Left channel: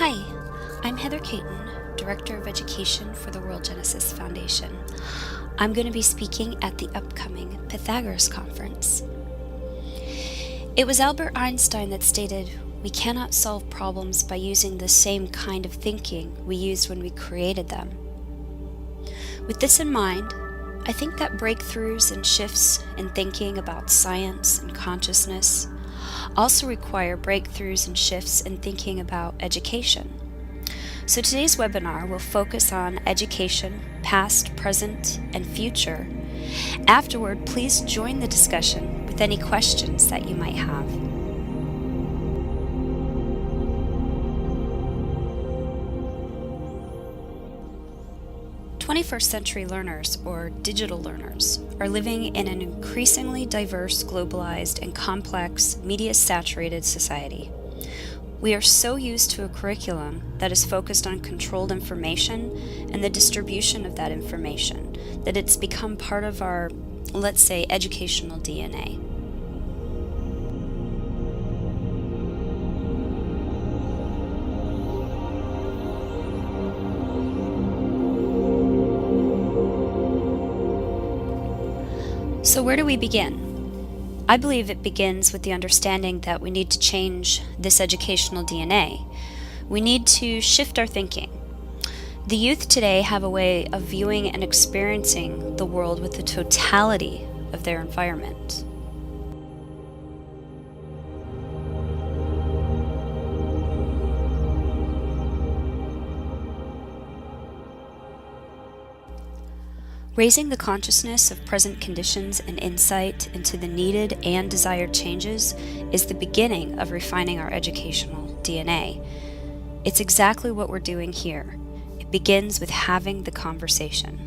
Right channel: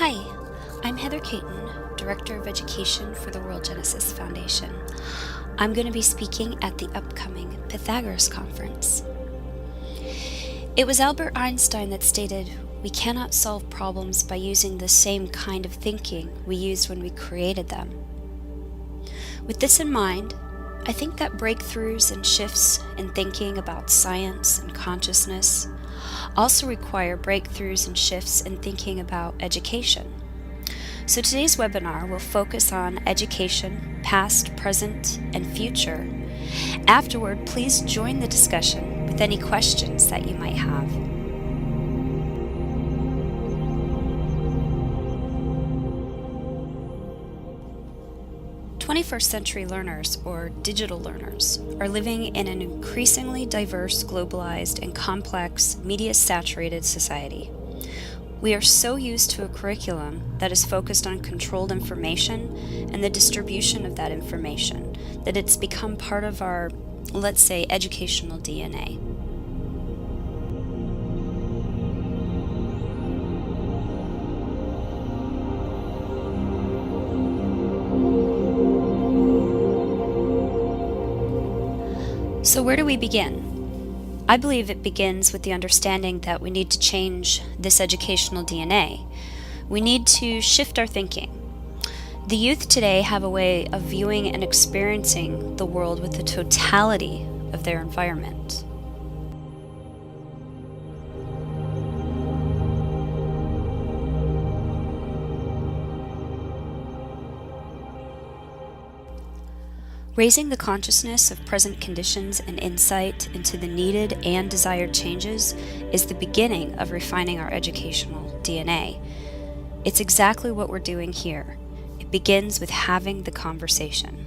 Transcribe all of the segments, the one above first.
Hi, I'm Heather Caton, Director of Education for the World Genesis Foundation. I'm going to be speaking at the upcoming Pythagoras Conference. It was Albert Einstein that stated, "We cannot solve problems by using the same kind of thinking we used when we created them." With this in mind, I think that breakthroughs and shifts in thinking about science and consciousness also require breakthroughs and shifts in thinking about education. So today's webinar will focus on education, past, present, and future. Afterward, please join the discussion with any questions that you might have. Twenty-first century learners, or digital learners, are living in an increasingly diverse, globalized, and complex, media-saturated society. We are so used to a curriculum that is focused on controlled information and the distribution of that information that it's become part of our, let's say, educational DNA. So where do we begin? I believe it begins with the understanding that we need to change this educational DNA. We need to shift our thinking. The youth today have a way of viewing and experiencing the world with the totality of their environment. Raising the consciousness of present conditions and insight into the needed and desired changes is the beginning of refining our educational DNA. It's exactly what we're doing here. It begins with having the conversation.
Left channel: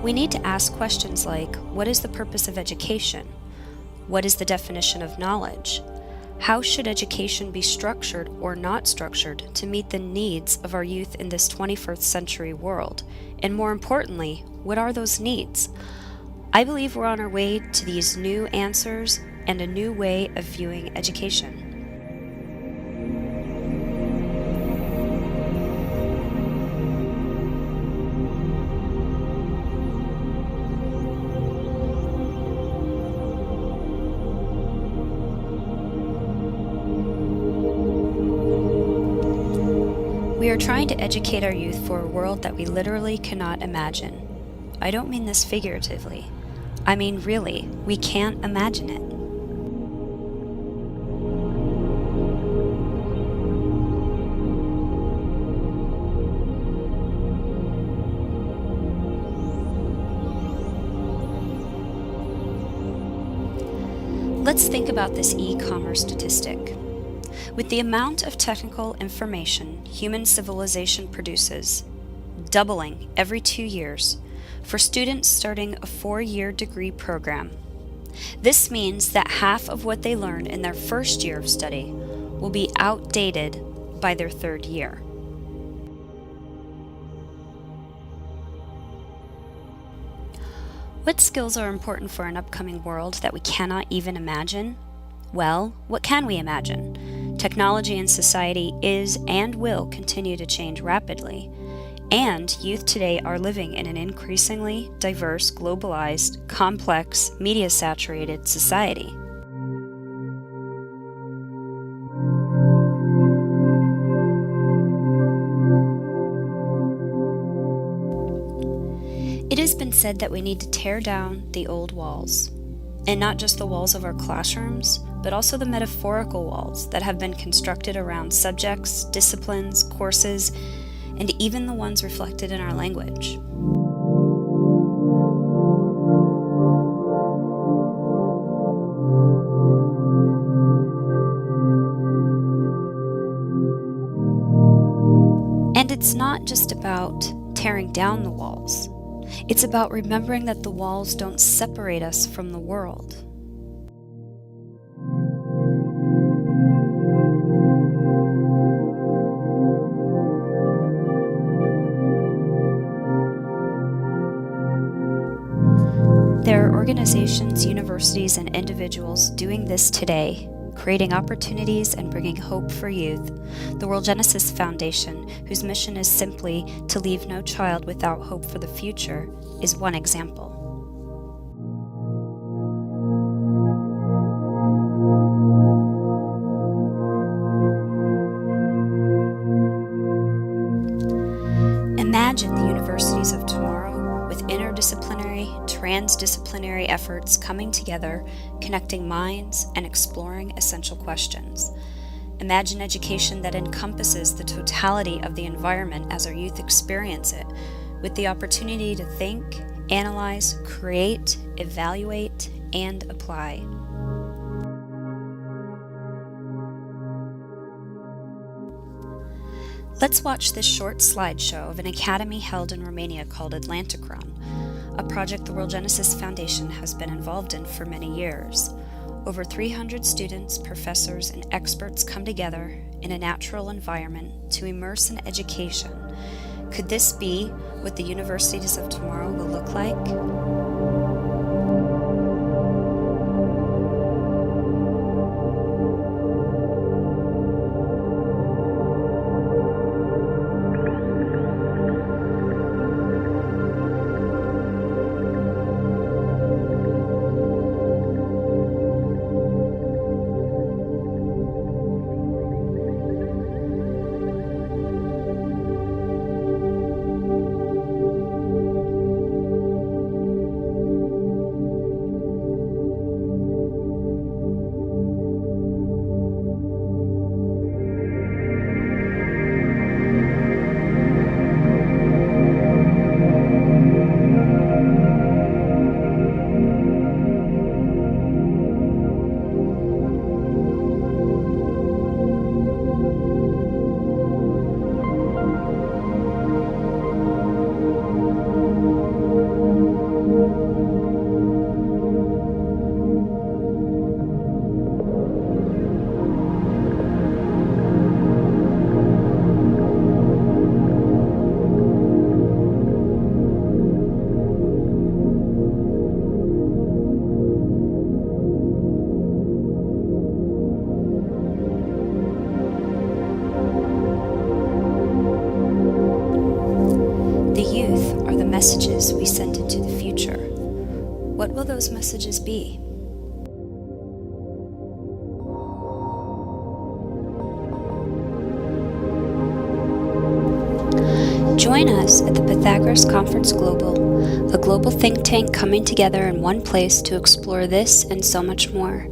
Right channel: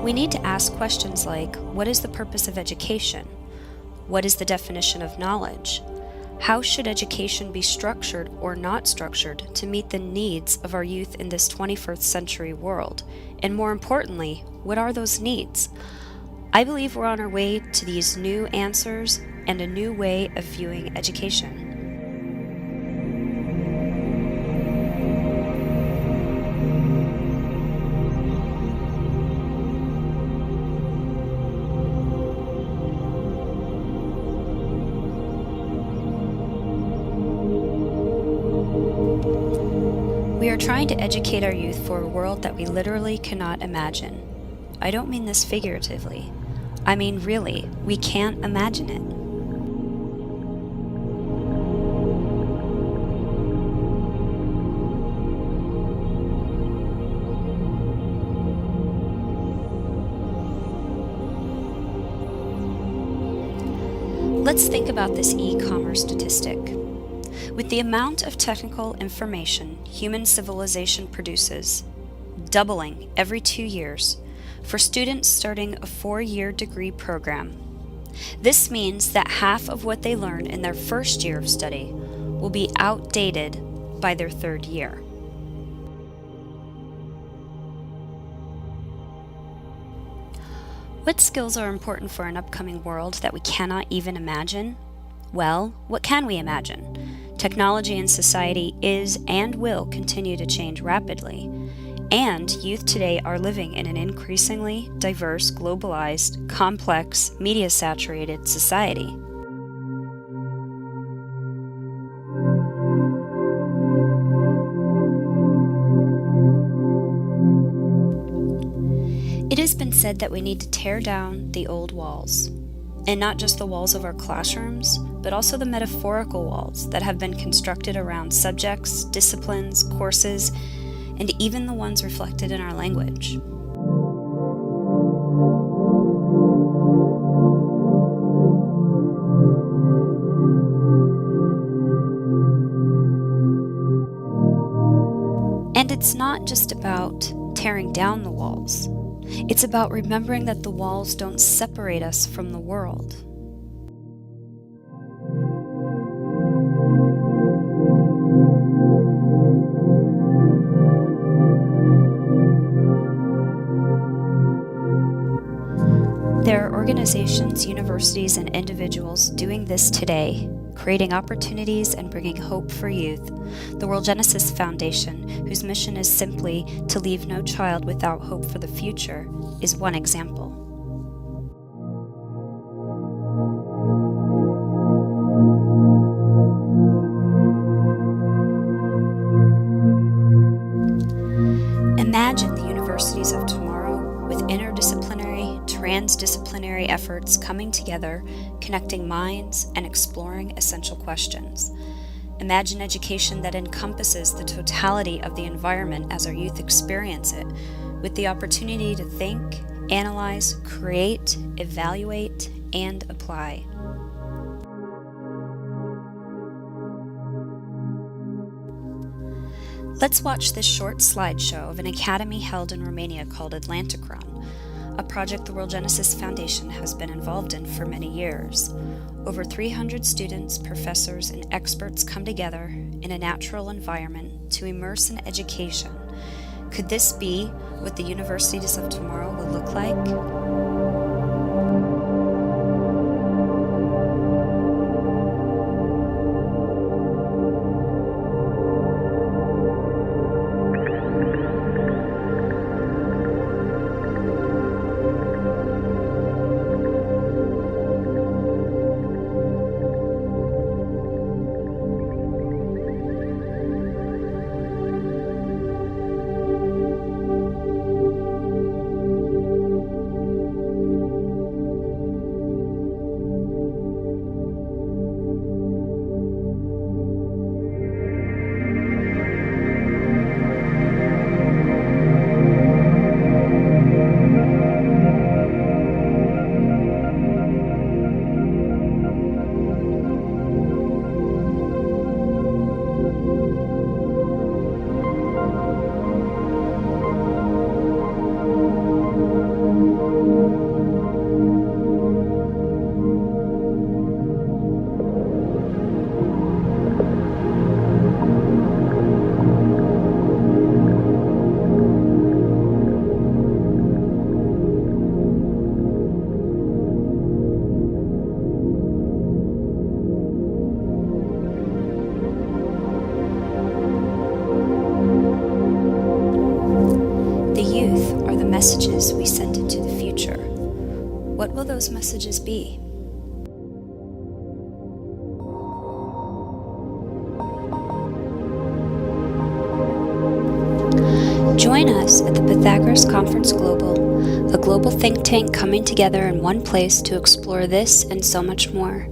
We need to ask questions like, what is the purpose of education? What is the definition of knowledge? How should education be structured or not structured to meet the needs of our youth in this 21st century world? And more importantly, what are those needs? I believe we're on our way to these new answers and a new way of viewing education. We are trying to educate our youth for a world that we literally cannot imagine. I don't mean this figuratively. I mean really, we can't imagine it. Let's think about this e-commerce statistic. With the amount of technical information human civilization produces, doubling every 2 years, for students starting a 4-year degree program, this means that half of what they learn in their first year of study will be outdated by their 3rd year. What skills are important for an upcoming world that we cannot even imagine? Well, what can we imagine? Technology and society is and will continue to change rapidly, and youth today are living in an increasingly diverse, globalized, complex, media-saturated society. It has been said that we need to tear down the old walls, and not just the walls of our classrooms, but also the metaphorical walls that have been constructed around subjects, disciplines, courses, and even the ones reflected in our language. And it's not just about tearing down the walls. It's about remembering that the walls don't separate us from the world. There are organizations, universities, and individuals doing this today, creating opportunities and bringing hope for youth. The World Genesis Foundation, whose mission is simply to leave no child without hope for the future, is one example. Imagine the universities of tomorrow with interdisciplinary, transdisciplinary efforts coming together, connecting minds, and exploring essential questions. Imagine education that encompasses the totality of the environment as our youth experience it, with the opportunity to think, analyze, create, evaluate, and apply. Let's watch this short slideshow of an academy held in Romania called Atlanticron, a project the World Genesis Foundation has been involved in for many years. Over 300 students, professors, and experts come together in a natural environment to immerse in education. Could this be what the universities of tomorrow will look like? The youth are the messages we send into the future. What will those messages be? Join us at the Pythagoras Conference Global, a global think tank coming together in one place to explore this and so much more.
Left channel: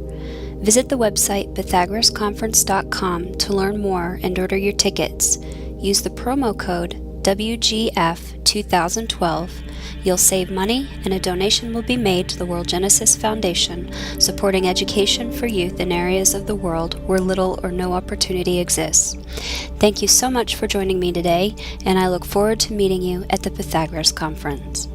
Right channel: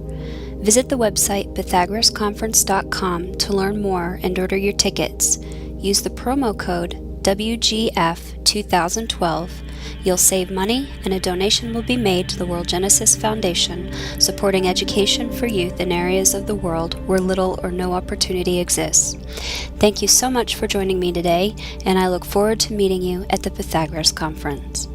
Visit the website pythagorasconference.com to learn more and order your tickets. Use the promo code WGF 2012. You'll save money and a donation will be made to the World Genesis Foundation, supporting education for youth in areas of the world where little or no opportunity exists. Thank you so much for joining me today, and I look forward to meeting you at the Pythagoras Conference.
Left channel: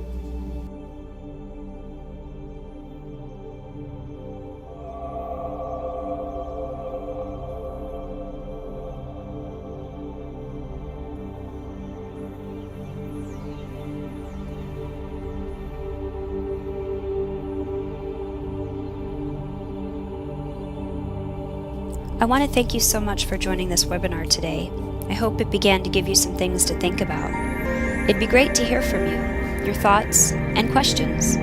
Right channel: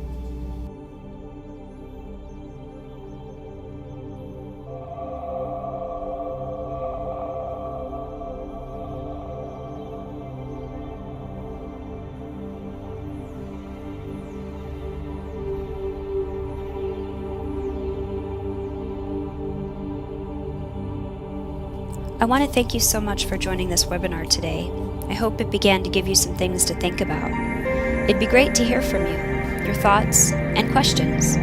I want to thank you so much for joining this webinar today. I hope it began to give you some things to think about. It'd be great to hear from you, your thoughts and questions.